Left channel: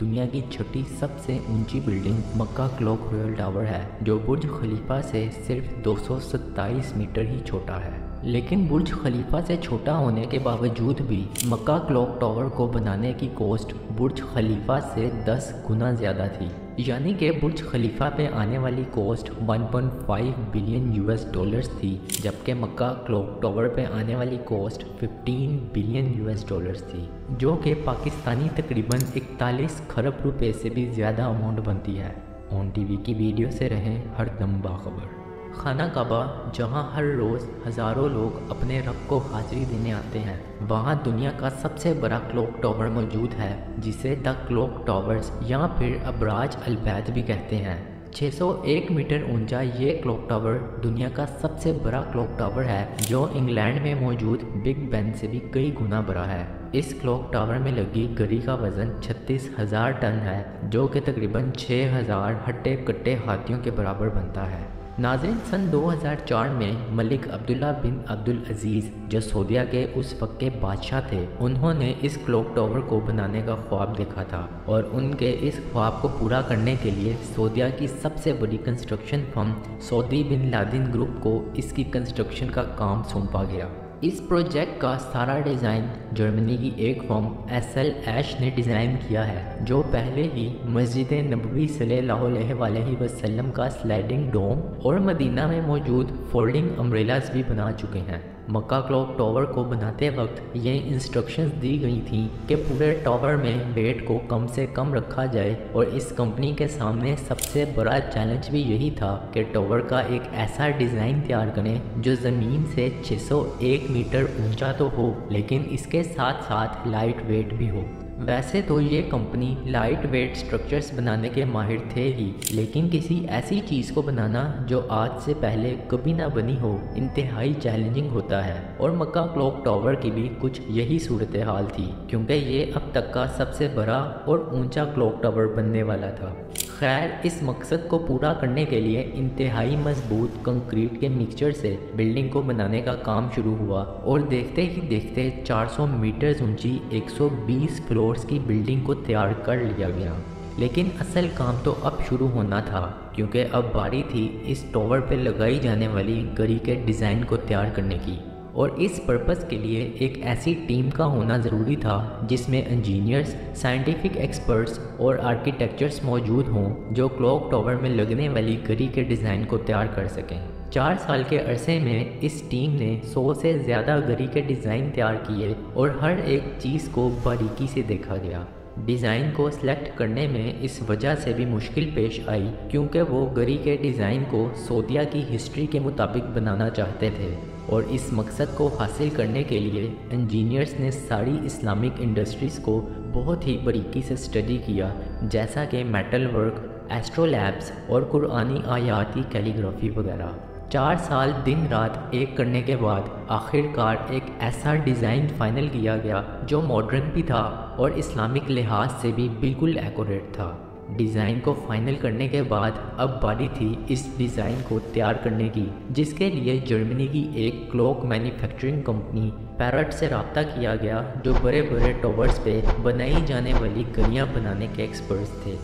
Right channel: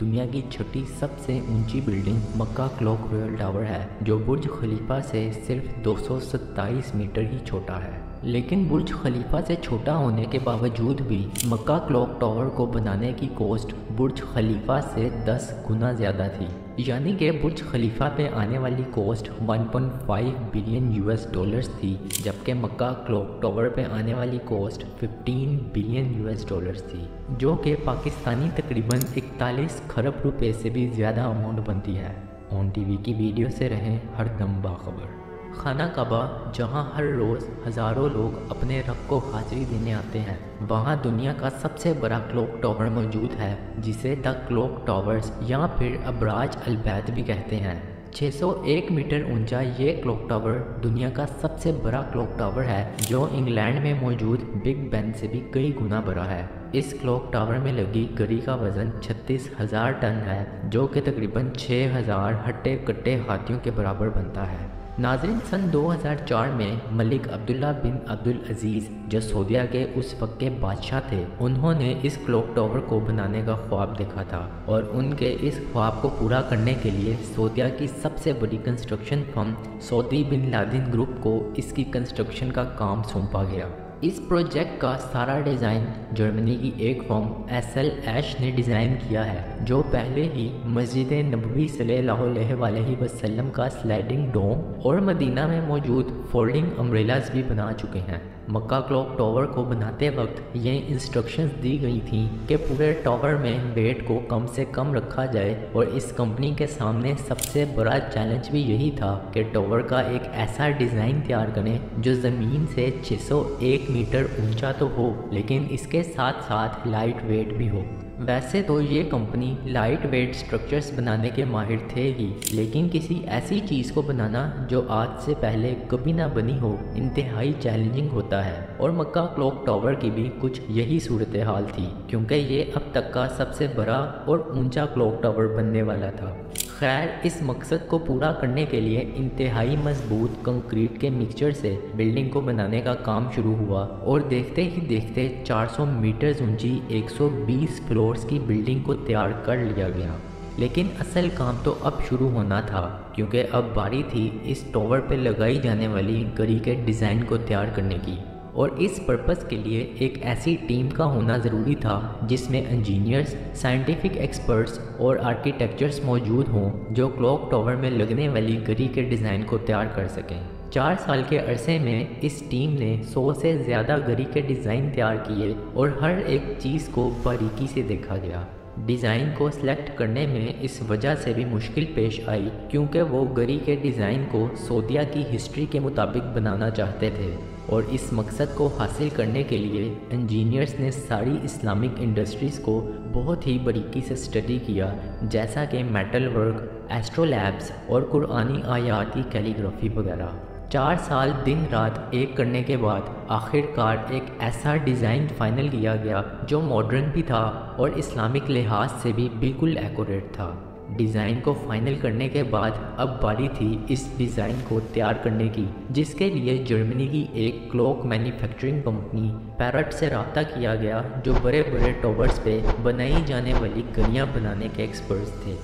دنیا کی چھٹی سب سے اونچی بلڈنگ مکہ کلوک رویل ٹاور ہے جو برج خلیفہ سے صرف 227 میٹر ہی چھوٹا ہے۔ لیکن برج خلیفہ سے چھوٹا ہونے کے باوجود بھی مکہ کلوک ٹاور کو بنانے کی کوسٹ برج خلیفہ سے 10 گنا زیادہ تھی، یعنی کہ برج خلیفہ پہ آنے والی کوسٹ 1.5 بلین US ڈالرز تھی، جبکہ مکہ کلوک ٹاور پہ آنے والی کوسٹ 15 بلین US ڈالرز تھی، جو کہ پاکستانی تقریباً 41 کھرب روپے سے بھی زیادہ اماؤنٹ بنتی ہے۔ آن ٹی وی کی ویڈیو سے رہے ہر دم باخبر۔ خانہ کعبہ، جہاں ہر روز ہزاروں لوگ اپنے رب کو حاضری دینے آتے ہیں، وہاں دنیا کا سب سے بڑا کلوک ٹاور موجود ہے جسے دا کلوک ٹاورز یا پھر ابراج البیت بھی کہتے ہیں۔ 601 میٹر اونچا یہ کلوک ٹاور دنیا کا سب سے بڑا کلوک ٹاور ہے، جو انگلینڈ میں موجود بگ بین سے بھی کئی گنا بڑا ہے۔ اس کلوک ٹاور میں لگی گھڑی کا وزن 36,000 ٹن ہے، جو کہ تقریباً 6,000 ہٹے کٹے ہاتھیوں کے برابر بنتا ہے۔ ناظرین، سن 2004 میں ملک عبداللہ بن عبدالعزیز، جو سعودیہ کے اس وقت کے بادشاہ تھے، انہوں نے اس کلوک ٹاور کو بنانے کا خواب دیکھا تھا، اور ان کے اس خواب کو پورا کرنے کے لیے سعودیہ کی سب سے بڑی کنسٹرکشن فرم سعودی بن لادن گروپ کو اس کی کنسٹرکشن کا کام سونپا گیا۔ اس پروجیکٹ کا سارا ڈیزائن جرمنی کی ایک فرم SL ایش نے ڈیزائن کیا ہے، جو پہلے ہی مسجد نبوی صلی اللہ علیہ وسلم کا سلائڈنگ ڈوم اور مدینہ میں موجود فولڈنگ امبریلاز بھی بنا چکے ہیں۔ مکہ کلوک ٹاور کو بناتے وقت یہ انسٹرکشنز دی گئی تھیں کہ پورے ٹاور میں ویٹ کو کم سے کم رکھا جائے، اور اس کمپنی کے سامنے سب سے بڑا چیلنج بھی یہی تھا کہ ٹاور کا ایک ایسا ڈیزائن تیار کریں جو زمین سے 601 میٹر اونچا تو ہو، لیکن اس کے ساتھ ساتھ لائٹ ویٹ بھی ہو۔ ویسے تو یہ کمپنی لائٹ ویٹ سٹرکچرز بنانے کے ماہر تھے ہی، لیکن کسی ایسی چیز کو بنانا جو آج سے پہلے کبھی نہ بنی ہو انتہائی چیلنجنگ ہوتا ہے، اور مکہ کلوک ٹاور کی بھی کچھ یہی صورتحال تھی، کیونکہ یہ اب تک کا سب سے بڑا اور اونچا کلوک ٹاور بننے والا تھا۔ خیر، اس مقصد کو پورا کرنے کے لیے انتہائی مضبوط کنکریٹ کے مکسچر سے بلڈنگ کو بنانے کا کام شروع ہوا، اور دیکھتے ہی دیکھتے 400 میٹرز اونچی 120 فلورز کی بلڈنگ کو تیار کر لیا گیا۔ لیکن اصل کام تو اب شروع ہونا تھا، کیونکہ اب باری تھی اس ٹاور پہ لگائی جانے والی گھڑی کے ڈیزائن کو تیار کرنے کی، اور اس پرپس کے لیے ایک ایسی ٹیم کا ہونا ضروری تھا جس میں انجینئرز، سائنٹیفک ایکسپرٹس اور آرکیٹیکچرز موجود ہوں جو کلوک ٹاور میں لگنے والی گھڑی کے ڈیزائن کو تیار کر سکیں۔ 4 سال کے عرصے میں اس ٹیم نے 100 سے زیادہ گھڑی کے ڈیزائن تیار کیے، اور ہر ایک چیز کو باریکی سے دیکھا گیا۔ ڈیزائن کو سلیکٹ کرنے میں اس وجہ سے بھی مشکل پیش آئی کیونکہ وہ گھڑی کے ڈیزائن کو سعودیہ کی ہسٹری کے مطابق بنانا چاہتے تھے، اور اس مقصد کو حاصل کرنے کے لیے انجینئرز نے ساری اسلامک انڈسٹریز کو بہت ہی باریکی سے اسٹڈی کیا، جیسا کہ میٹل ورک، ایسٹرو لیبس اور قرآنی آیات کی کیلیگرافی وغیرہ۔ 4 سال دن رات ایک کرنے کے بعد آخر کار ایک ایسا ڈیزائن فائنل کیا گیا جو ماڈرن بھی تھا اور اسلامک لحاظ سے بھی بالکل ایکوریٹ تھا۔ ڈیزائن کو فائنل کرنے کے بعد اب باری تھی اس ڈیزائن کو تیار کرنے کی، جس کے لیے جرمنی کی ایک کلوک مینوفیکچرنگ کمپنی پیرٹ سے رابطہ کیا گیا، جو بڑے بڑے ٹاورز پہ بنائی جانے والی گھڑیاں بنانے کے ایکسپرٹس تھے۔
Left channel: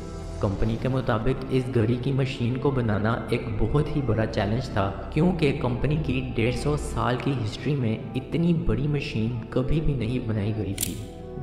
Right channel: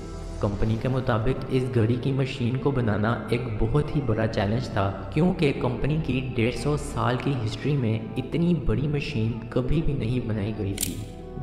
کمپنی کے مطابق اس گھڑی کی مشین کو بنانا ایک بہت ہی بڑا چیلنج تھا، کیونکہ کمپنی کی 150 سال کی ہسٹری میں اتنی بڑی مشین کبھی بھی نہیں بنائی گئی تھی۔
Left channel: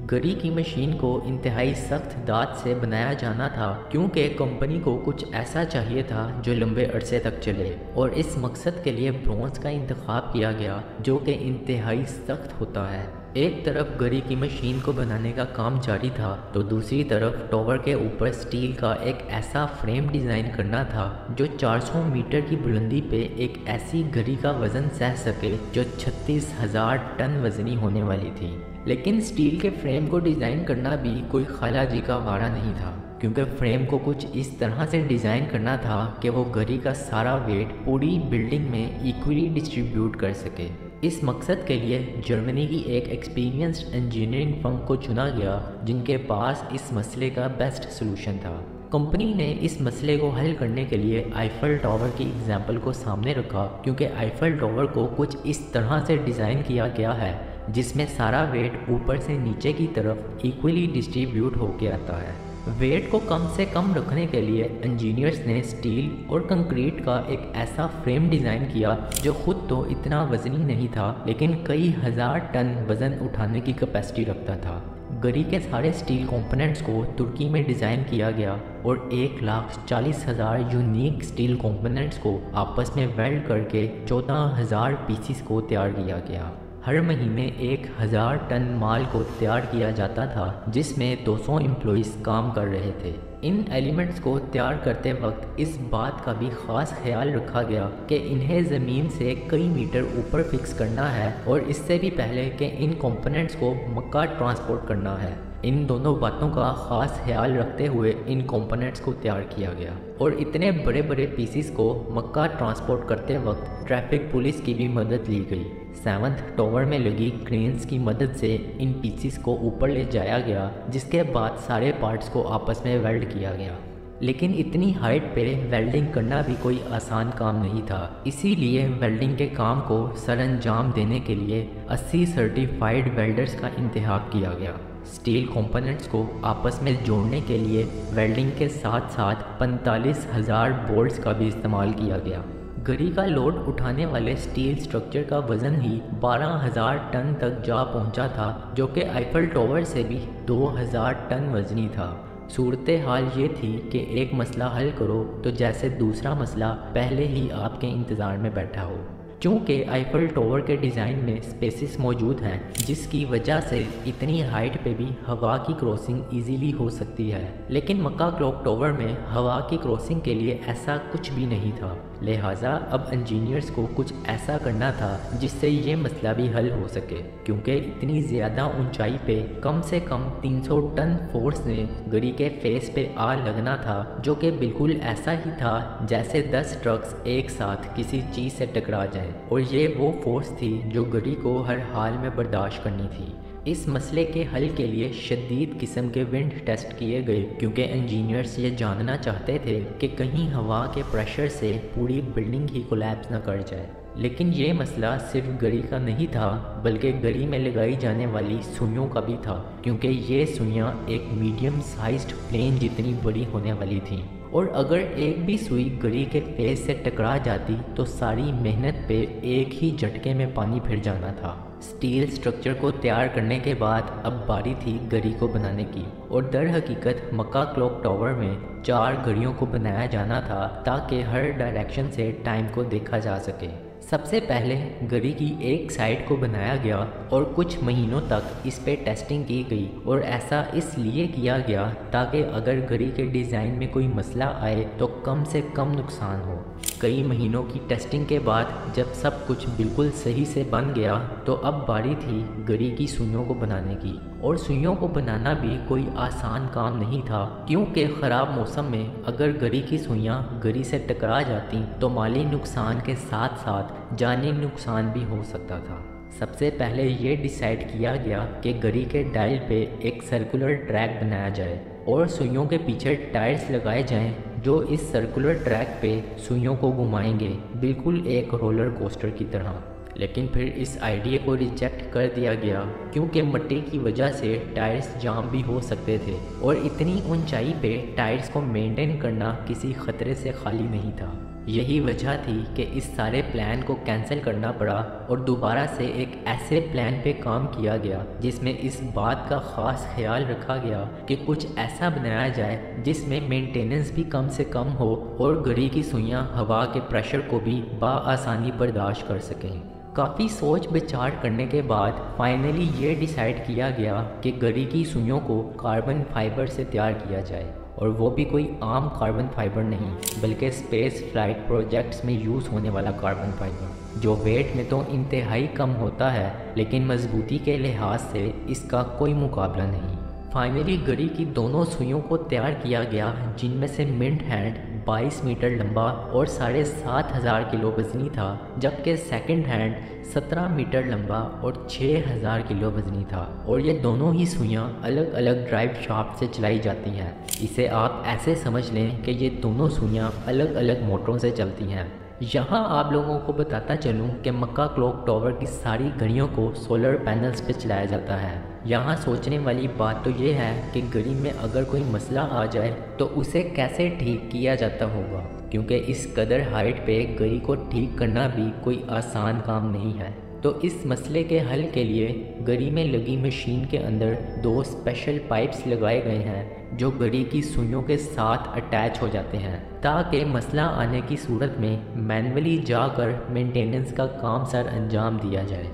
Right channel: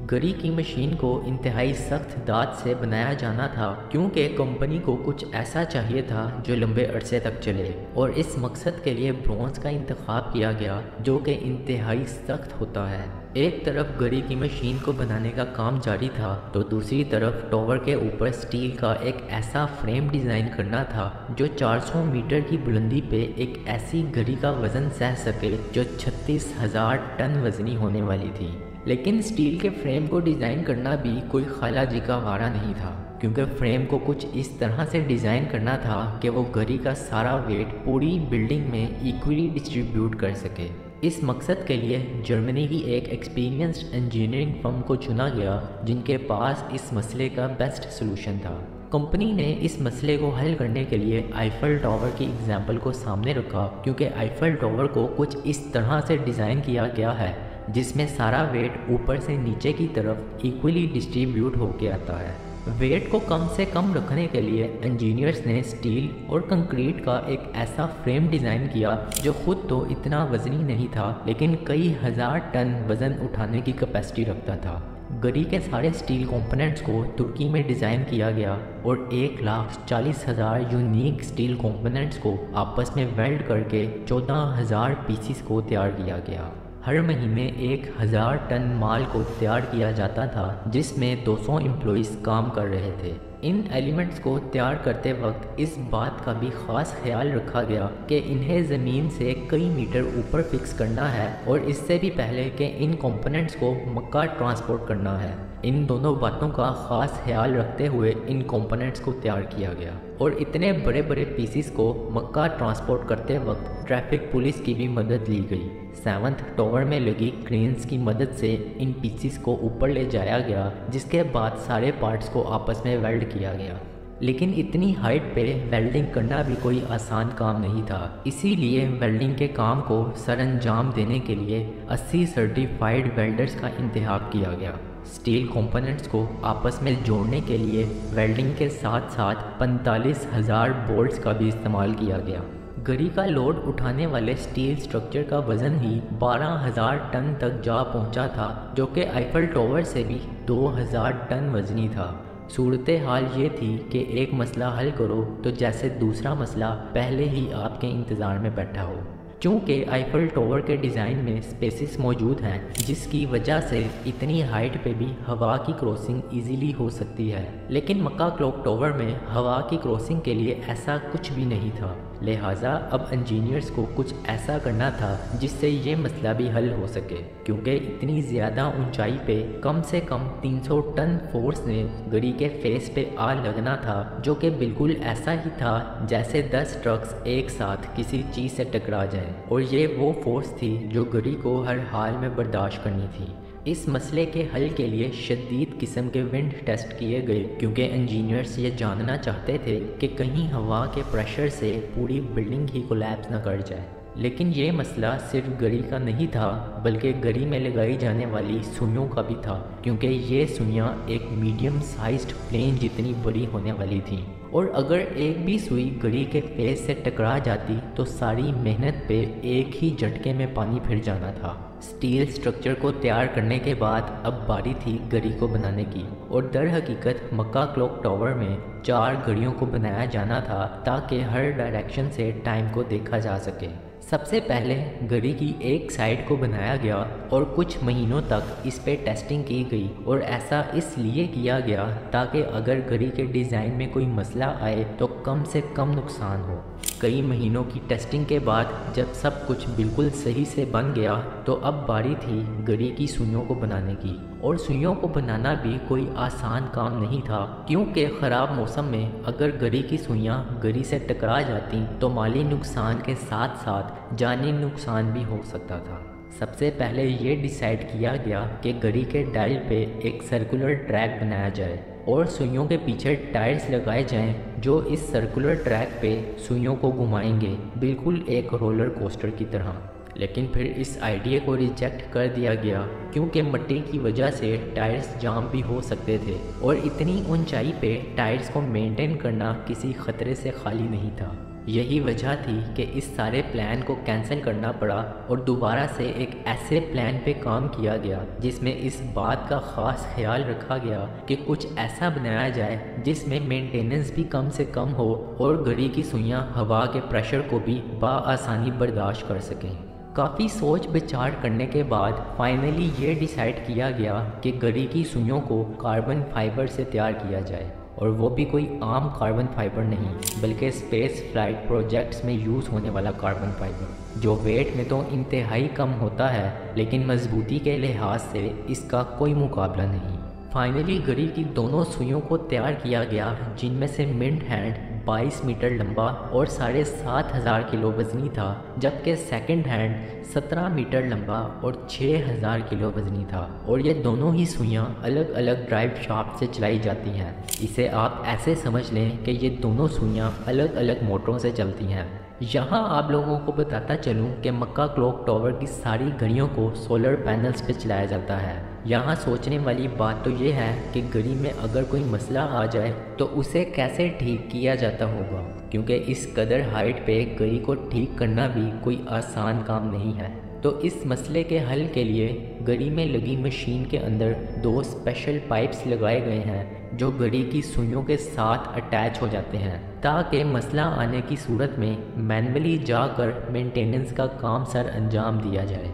گھڑی کی مشین کو انتہائی سخت دھات سے بنایا جانا تھا، کیونکہ کمپنی کو کچھ ایسا چاہیے تھا جو لمبے عرصے تک چلے، اور اس مقصد کے لیے برونز کا انتخاب کیا گیا جو کہ انتہائی سخت ہوتا ہے۔ ایک طرف گھڑی کی مشین کو بنانے کا کام جاری تھا، تو دوسری طرف ٹاور کے اوپر سٹیل کا ایک ایسا فریم ڈیزائن کرنا تھا جو 400 میٹر کی بلندی پہ ایک ایسی گھڑی کا وزن سہ سکے جو 36,000 ٹن وزنی ہونے والی تھی۔ لیکن سٹیل کے فریم کو ڈیزائن کرنا بھی کوئی خالہ جی کا وارہ نہیں تھا، کیونکہ فریم کو کچھ اس طرح سے ڈیزائن کرنا تھا کہ وہ گھڑی کا سارا ویٹ پوری بلڈنگ میں ایکولی ڈسٹریبیوٹ کر سکے۔ اس مقصد کے لیے جرمنی کی ایک ایکسپیرینسڈ انجینئرنگ فرم کو چنا گیا جن کے پاس اس مسئلے کا بیسٹ سلوشن تھا۔ کمپنی نے اس مسئلے کو حل کرنے کے لیے آئیفل ٹاور کی ایگزامپل کو سامنے رکھا، کیونکہ آئیفل ٹاور کو کچھ اس طرح سے ڈیزائن کیا گیا ہے جس میں سارا ویٹ اوپر سے نیچے کی طرف ایکولی ڈسٹریبیوٹ ہو کے آتا ہے۔ वेट को कम से कम रखने के लिए इंजीनियर्स ने स्टील और कंक्रीट का एक ऐसा फ्रेम डिज़ाइन किया जो खुद तो इतना वजनी नहीं था लेकिन कई हज़ार टन वज़न उठाने की कैपेसिटी रखता था। गरी के सारे स्टील कंपोनेंट्स को तुर्की में डिज़ाइन किया गया और 1,40,000 यूनिक स्टील कंपोनेंट्स को आपस में वेल्ड करके 14,000 पीसीस को तैयार किया गया। हर महीने 1,000 टन माल को तैयार किया जाता था जिसमें 200 एम्प्लॉइज़ काम कर रहे थे। इन एलिमेंट्स को तैयार करते वक्त इस बात का भी ख़ास ख्याल रखा गया कि इन्हें ज़मीन से कई मीटर ऊपर फिक्स करना है और इससे भी पहले कि इन कंपोनेंट्स को मक्का ट्रांसपोर्ट करना है। इन दोनों बातों का ख़ास ख्याल रखते हुए इन कंपोनेंट्स को तैयार किया गया और इतने बड़े बड़े पीसीस को मक्का ट्रांसपोर्ट करते वक्त ट्रैफिक पुलिस की भी मदद ली गई। 7th टावर में लगी क्रेन्स की मदद से इन पीसीस को ऊपर ले जाया गया जिसके बाद सारे पार्ट्स को आपस में वेल्ड किया गया। लेकिन इतनी हाइट पे वेल्डिंग करना भी कोई आसान काम नहीं था, इसीलिए वेल्डिंग के काम को सरअंजाम देने के लिए 80 सर्टिफाइड वेल्डर्स का इंतखाब किया गया। स्टील कंपोनेंट्स को आपस में जोड़ने के लिए वेल्डिंग के साथ साथ 45,000 बोल्ट्स का भी इस्तेमाल किया गया। गरी का लोड उठाने वाले स्टील स्ट्रक्चर का वजन ही 12,000 टन तक जा पहुंचा था जो कि आईफल टावर से भी 2,000 टन वजनी था। सूरत हाल ये थी कि एक मसला हल करो तो जैसे दूसरा मसला पहले ही आपके इंतज़ार में बैठा हो। चूँकि आईफल टावर के डिज़ाइन में स्पेसिस मौजूद हैं जिसकी वजह से इतनी हाइट पे भी हवा की क्रॉसिंग इजीली हो सकती है, लेकिन मक्का क्लॉक टावर में हवा की क्रॉसिंग के लिए ऐसा कुछ भी नहीं था। लिहाजा अब इंजीनियर्स को कुछ ऐसा करना था जिससे ये मसला भी हल हो सके, क्योंकि इतनी ज़्यादा ऊंचाई पे कम से कम 300 टन फोर्स ने गरी के फेस पे आ लगना था जो कि बिल्कुल ऐसा ही था जैसे 10 ट्रक्स एक साथ किसी चीज़ से टकरा जाएं, और ये वो फोर्स थी जो गरी को हर हाल में बर्दाश्त करनी थी। इस मसले के हल के लिए शदीद किस्म के विंड टेस्ट किए गए क्योंकि इंजीनियर्स ये जानना चाहते थे कि कहीं हवा के प्रेशर से पूरी बिल्डिंग ही कोलैप्स न कर जाए। लेकिन ये मसला सिर्फ गरी का नहीं था बल्कि गरी में लगाई जाने वाली सुइयों का भी था, क्योंकि ये सुइयाँ एक मीडियम साइज्ड प्लेन जितनी बड़ी होने वाली थी और अगर एक भी सुई गरी के फेस से टकरा जाती तो सारी मेहनत पे एक ही झटके में पानी फिर जाना था। स्टील स्ट्रक्चर को तैयार करने के बाद अब बारी थी गरी को बनाने की, और दर हकीकत मक्का क्लॉक टावर में 4 गड़ियों को बनाया जाना था ताकि हर डायरेक्शन से टाइम को देखा जा सके। सबसे पहले गरी की एक साइड को बनाया गया और कुछ महीनों तक इस पे टेस्टिंग की गई, और ऐसा इसलिए किया गया ताकि अगर गरी के डिज़ाइन में कोई मसला आए तो कम से कम नुकसान हो। कई महीनों की टेस्टिंग के बाद जब सब कुछ बिल्कुल सही से बन गया तो अब बारी थी गरी की सुइयों को बनाने की, और सुइयों को बनाना भी कोई आसान काम नहीं था क्योंकि ख़राब मौसम में अगर गरी की सुइयां गरी से टकरा जाती तो माली नुकसान के साथ साथ जानी नुकसान भी हो सकता था। सबसे पहले ये डिसाइड किया गया कि गरी के डायल पे एक सर्कुलर ट्रैक बनाया जाए और सुइयों के पीछे टायर्स लगाए जाएं जो इस सर्कुलर ट्रैक पे सुइयों को घुमाएंगे, बिल्कुल एक रोलर कोस्टर की तरह। लेकिन फिर इस आइडिया को रिजेक्ट कर दिया गया क्योंकि मिट्टी की वजह से टायर्स जाम भी हो सकते थे और इतनी ऊंचाई पे टायर्स को मेंटेन करना किसी खतरे से खाली नहीं था। यही वजह थी कि इस सारे प्लान को कैंसिल करना पड़ा और दोबारा से एक ऐसे प्लान पे काम किया गया जिसमें इस बात का ख़ास ख्याल रखा गया कि कुछ ऐसा बनाया जाए जिसमें मेंटेनेंस भी कम से कम हो और गरी की सुइयां हवा के प्रेशर को भी बआसानी बर्दाश्त कर सकें। काफ़ी सोच विचार करने के बाद फाइनली ये डिसाइड किया गया कि गरी की सुइयों को कार्बन फाइबर से तैयार किया जाए, और वो भी कोई आम कार्बन फाइबर नहीं बल्कि स्पेस फ्लाइट प्रोजेक्ट्स में यूज़ होने वाला कार्बन फाइबर जो वेट में तो इंतहाई कम होता है लेकिन मजबूती के लिहाज से इसका कोई मुकाबला नहीं। फाइनली गरी की दोनों सुइयों को तैयार किया गया जिनमें से मिड हैंड 22 मीटर लंबा और 7,500 किलो वजनी था, जबकि सेकंड हैंड 17 मीटर लंबा और 6,000 किलो वजनी था, और ये दोनों ही सुइयां अलग अलग ड्राइव शाफ्ट से चलाई जाती हैं। इसे आप ऐसे समझ लें कि ये दोनों सुइयां अलग अलग मोटरों से चलती हैं। यहाँ आप लोगों को बताता चलूँ कि मक्का क्लॉक टावर की सारी घड़ियों को सोलर पैनल्स पे चलाया जाता है। यहाँ सोचने वाली बात तो ये है कि घड़ी में अगर कोई मसला आ जाए तो उसे कैसे ठीक किया जाता होगा, क्योंकि इस कदर हाइट पे घड़ी को ठीक करना भी कोई आसान काम नहीं है। तो इस मसले के हल के लिए घड़ी में लगी मशीन के अंदर 2 स्पेशल पाइप्स लगाए गए हैं जो घड़ी की सुइयों के साथ अटैच हो जाते हैं, ताकि मसला आने की सूरत में मैनुअली जाकर मेंटेनेंस का काम सर अंजाम दिया जाए।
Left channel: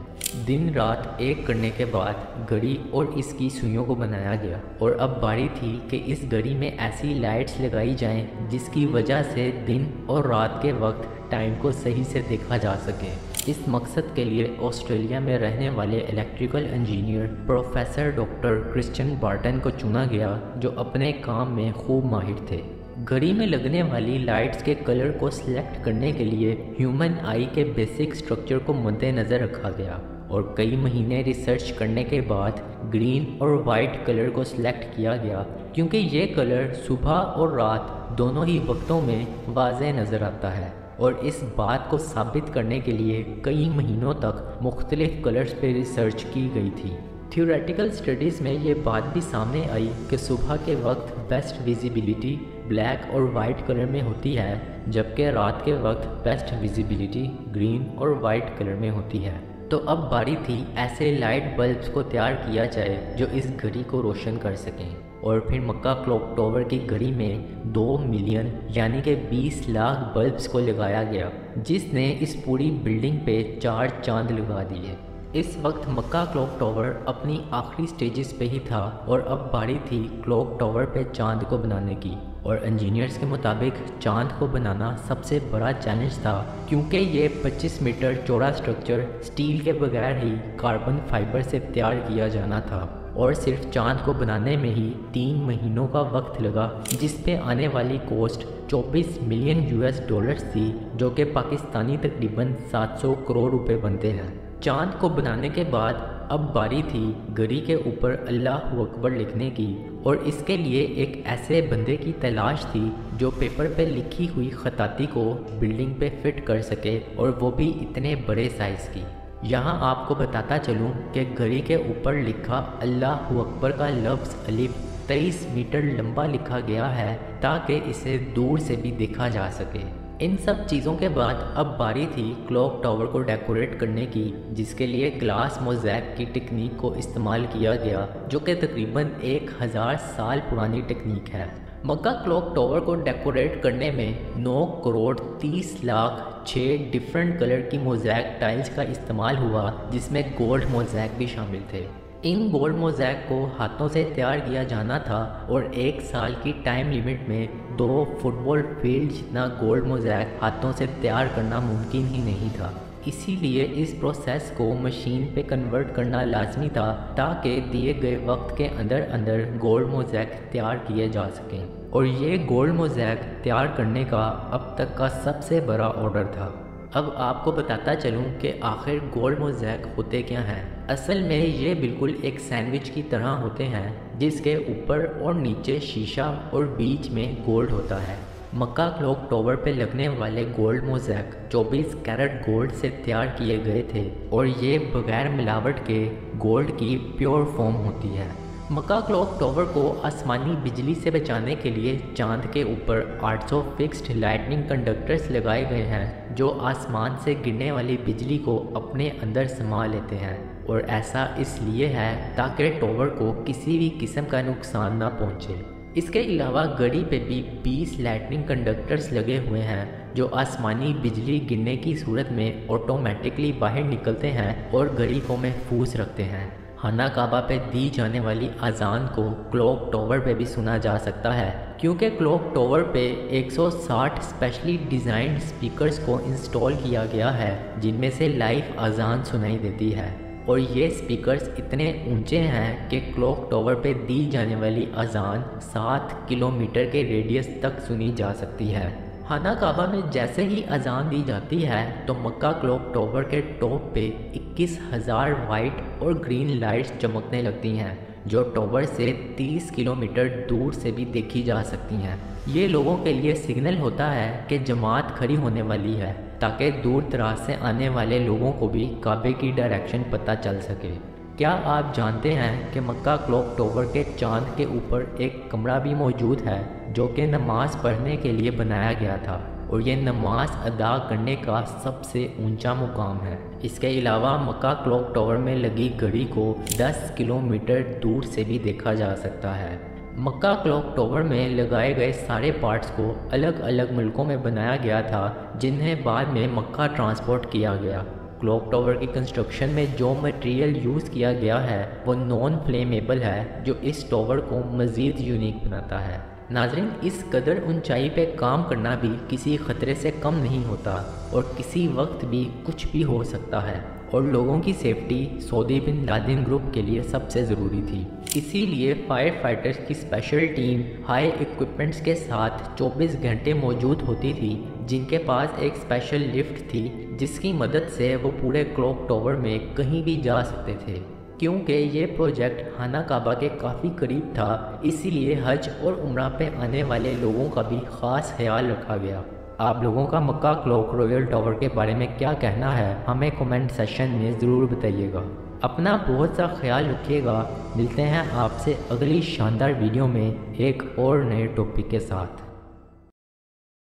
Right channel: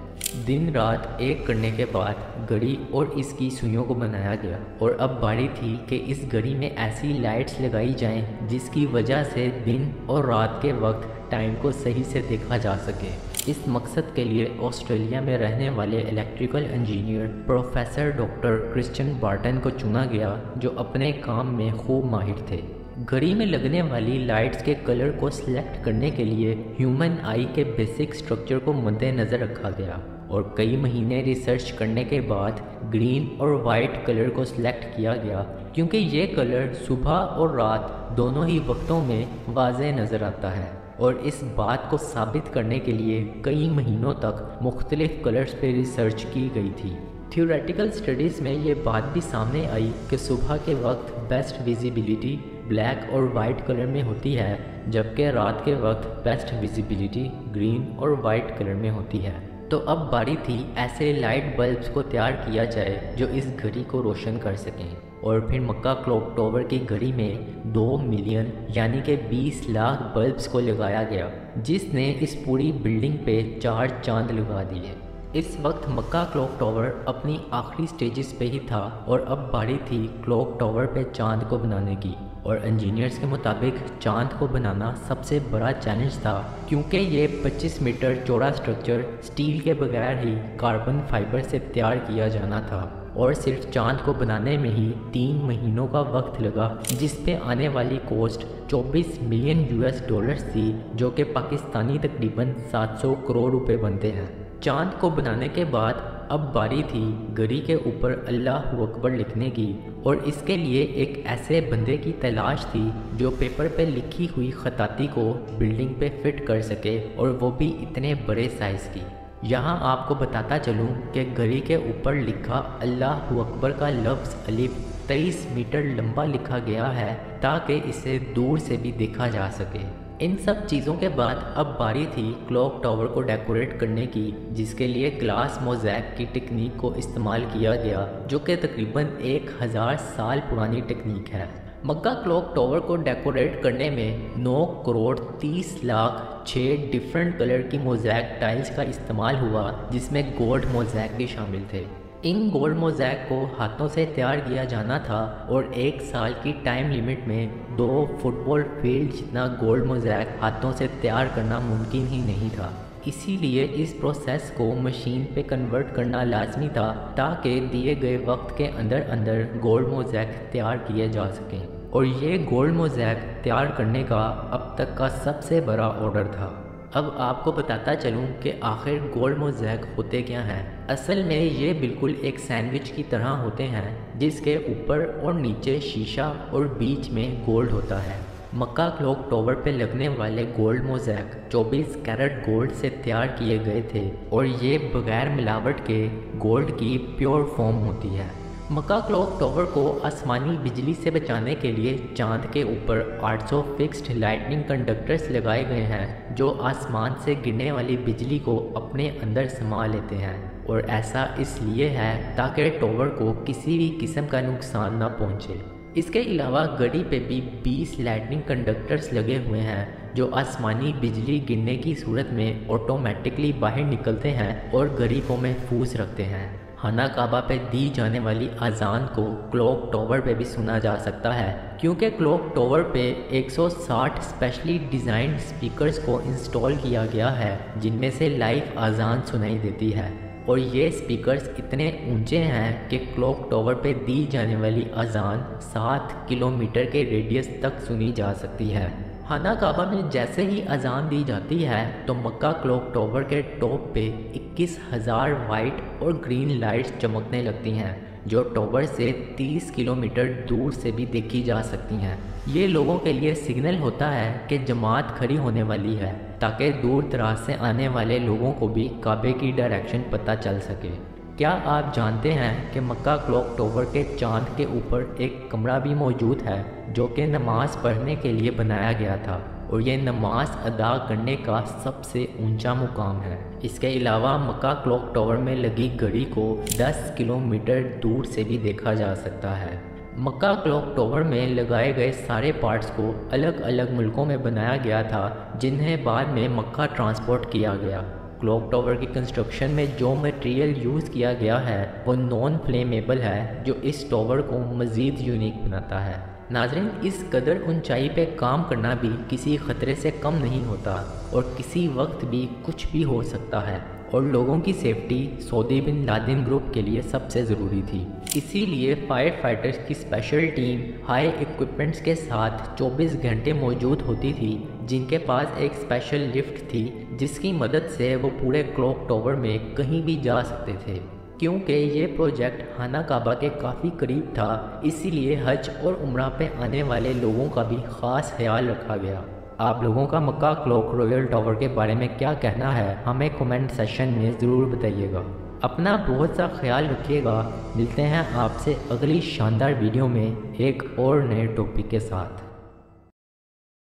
दिन रात एक करने के बाद घड़ी और इसकी सुइयों को बनाया गया और अब बारी थी कि इस घड़ी में ऐसी लाइट्स लगाई जाएं जिसकी वजह से दिन और रात के वक्त टाइम को सही से देखा जा सके। इस मकसद के लिए ऑस्ट्रेलिया में रहने वाले electrical engineer professor doctor Christian Barton को चुना गया, जो अपने काम में खूब माहिर थे। घड़ी में लगने वाली लाइट्स के कलर को सिलेक्ट करने के लिए ह्यूमन आई के बेसिक स्ट्रक्चर को मद्देनज़र रखा गया और कई महीने रिसर्च करने के बाद ग्रीन और वाइट कलर को सिलेक्ट किया गया, क्योंकि ये कलर सुबह और रात दोनों ही वक्तों में वाज़ेह नज़र आता है। और इस बात को साबित करने के लिए कई महीनों तक मुख्तलिफ कलर्स पे रिसर्च की गई थी। थ्योरेटिकल स्टडीज़ में ये बात भी सामने आई कि सुबह के वक्त बेस्ट विजिबिलिटी ब्लैक और वाइट कलर में होती है, जबकि रात के वक्त बेस्ट विजिबिलिटी ग्रीन और वाइट कलर में होती है। तो अब बारी थी ऐसे लाइट बल्ब्स को तैयार किया जाए जो इस घड़ी को रोशन कर सकें। और फिर मक्का क्लॉक टावर की घड़ी में 2 मिलियन यानी कि 20 लाख बल्ब्स को लगाया गया, जिसने इस पूरी बिल्डिंग पे 4 चांद लगा दिए। इस वक्त मक्का क्लॉक टावर अपनी आखिरी स्टेजेस पे ही था और अब बारी थी क्लॉक टावर पे चांद को बनाने की। और इंजीनियर्स के मुताबिक चांद को बनाना सबसे बड़ा चैलेंज था, क्योंकि ये 25 मीटर चौड़ा स्ट्रक्चर स्टील के बगैर ही कार्बन फाइबर से तैयार किया जाना था और सिर्फ चांद को बनाने में ही 3 महीनों का वक्त लगा, जिस पे आने वाली कॉस्ट 24 मिलियन US डॉलर्स थी, जो कि पाकिस्तानी तकरीबन 700 करोड़ रुपए बनते हैं। चांद को बनाने के बाद अब बारी थी घड़ी के ऊपर अल्लाहु अकबर लिखने की, और इसके लिए एक ऐसे बंदे की तलाश थी जो पेपर पे लिखी हुई खताती को बिल्डिंग पे फिट कर सके, और वो भी इतने बड़े साइज़ की। यहाँ आपको बताता चलूँ कि घड़ी के ऊपर लिखा अल्लाहु अकबर का लफ्ज़ अलिफ 23 मीटर लंबा लिखा गया है, ताकि इसे दूर से भी देखा जा सके। इन सब चीज़ों के बाद अब बारी थी क्लॉक टावर को डेकोरेट करने की, जिसके लिए ग्लास मोज़ैक की टेक्निक को इस्तेमाल किया गया, जो कि तकरीबन 1000 साल पुरानी टेक्निक है। मक्का क्लॉक टावर को डेकोरेट करने में 9 करोड़ 30 लाख 6 डिफरेंट कलर की मोज़ैक टाइल्स का इस्तेमाल हुआ, जिसमें गोल्ड मोज़ैक भी शामिल थे। इन गोल्ड मोज़ैक को हाथों से तैयार किया जाना था और 1 साल की टाइम लिमिट में 2 फुटबॉल फील्ड जितना गोल्ड मोज़ैक हाथों से तैयार करना मुमकिन ही नहीं था। इसीलिए इस प्रोसेस को मशीन पे कन्वर्ट करना लाजमी था, ताकि दिए गए वक्त के अंदर अंदर गोल्ड मोज़ैक तैयार किए जा सकें। और ये गोल्ड मोज़ैक तैयार करने का अब तक का सबसे बड़ा ऑर्डर था। अब आपको बताता चलूँ कि आखिर गोल्ड मोज़ैक होते क्या हैं। असल में ये बिल्कुल एक सैंडविच की तरह होते हैं, जिसके ऊपर और नीचे शीशा और बीच में गोल्ड होता है। मक्का क्लॉक टावर पे लगने वाले गोल्ड मोज़ैक 24 कैरेट गोल्ड से तैयार किए गए थे, और ये बगैर मिलावट के गोल्ड की प्योर फॉर्म होती है। मक्का क्लॉक टावर को आसमानी बिजली से बचाने के लिए चांद के ऊपर 800 फिक्स्ड लाइटनिंग कंडक्टर्स लगाए गए हैं, जो आसमान से गिरने वाली बिजली को अपने अंदर समा लेते हैं। और ऐसा इसलिए है ताकि टावर को किसी भी किस्म का नुकसान ना पहुंचे। इसके अलावा घड़ी पे भी 20 लाइटनिंग कंडक्टर्स लगे हुए हैं, जो आसमानी बिजली गिरने की सूरत में ऑटोमेटिकली बाहर निकलते हैं और घड़ी को महफूज रखते हैं। खाना काबा पे दी जाने वाली अजान को क्लॉक टावर पे भी सुना जा सकता है, क्योंकि क्लॉक टावर पे 160 स्पेशली डिज़ाइंड स्पीकर्स को इंस्टॉल किया गया है, जिनमें से लाइव अजान सुनाई देती है। और ये स्पीकर्स इतने ऊंचे हैं कि क्लॉक टावर पे दी जाने वाली अजान 7 किलोमीटर के रेडियस तक सुनी जा सकती है। खाना काबा में जैसे ही अजान दी जाती है तो मक्का क्लॉक टावर के टॉप पे 21,000 वाइट और ग्रीन लाइट्स चमकने लगती हैं, जो टावर से 30 किलोमीटर दूर से भी देखी जा सकती हैं। ये लोगों के लिए सिग्नल होता है कि जमात खड़ी होने वाली है, ताकि दूर दराज से आने वाले लोगों को भी काबे की डायरेक्शन पता चल सके। کیا آپ جانتے ہیں کہ مکہ کلوک ٹاور کے چاند کے اوپر ایک کمرہ بھی موجود ہے جو کہ نماز پڑھنے کے لیے بنایا گیا تھا اور یہ نماز ادا کرنے کا سب سے اونچا مقام ہے۔ اس کے علاوہ مکہ کلوک ٹاور میں لگی گھڑی کو 10 کلومیٹر دور سے بھی دیکھا جا سکتا ہے۔ مکہ کلوک ٹاور میں لگائے گئے سارے پارٹس کو الگ الگ ملکوں میں بنایا گیا تھا جنہیں بعد میں مکہ ٹرانسپورٹ کیا گیا۔ کلوک ٹاور کی کنسٹرکشن میں جو مٹیریل یوز کیا گیا ہے وہ نان فلیمیبل ہے جو اس ٹاور کو مزید یونیک بناتا ہے۔ ناظرین، اس قدر اونچائی پہ کام کرنا بھی کسی خطرے سے کم نہیں ہوتا اور کسی وقت بھی کچھ بھی ہو سکتا ہے، اور لوگوں کی سیفٹی سعودی بن لادن گروپ کے لیے سب سے ضروری تھی۔ اسی لیے فائر فائٹرز کی اسپیشل ٹیم ہائی ایکوپمنٹس کے ساتھ 24 گھنٹے موجود ہوتی تھی، جن کے پاس ایک اسپیشل لفٹ تھی جس کی مدد سے وہ پورے کلوک ٹاور میں کہیں بھی جا سکتے تھے۔ کیونکہ یہ پروجیکٹ خانہ کعبہ کے کافی قریب تھا، اسی لیے حج اور عمرہ پہ آنے والے لوگوں کا بھی خاص خیال رکھا گیا۔ آپ لوگوں کا مکہ کلوک رویل ٹاور کے بارے میں کیا کہنا ہے ہمیں کمنٹ سیکشن میں ضرور بتائیے گا۔ اپنا بہت سا خیال رکھیے گا۔ ملتے ہیں آپ سے اگلی شاندار ویڈیو میں ایک اور نئے ٹاپک کے ساتھ۔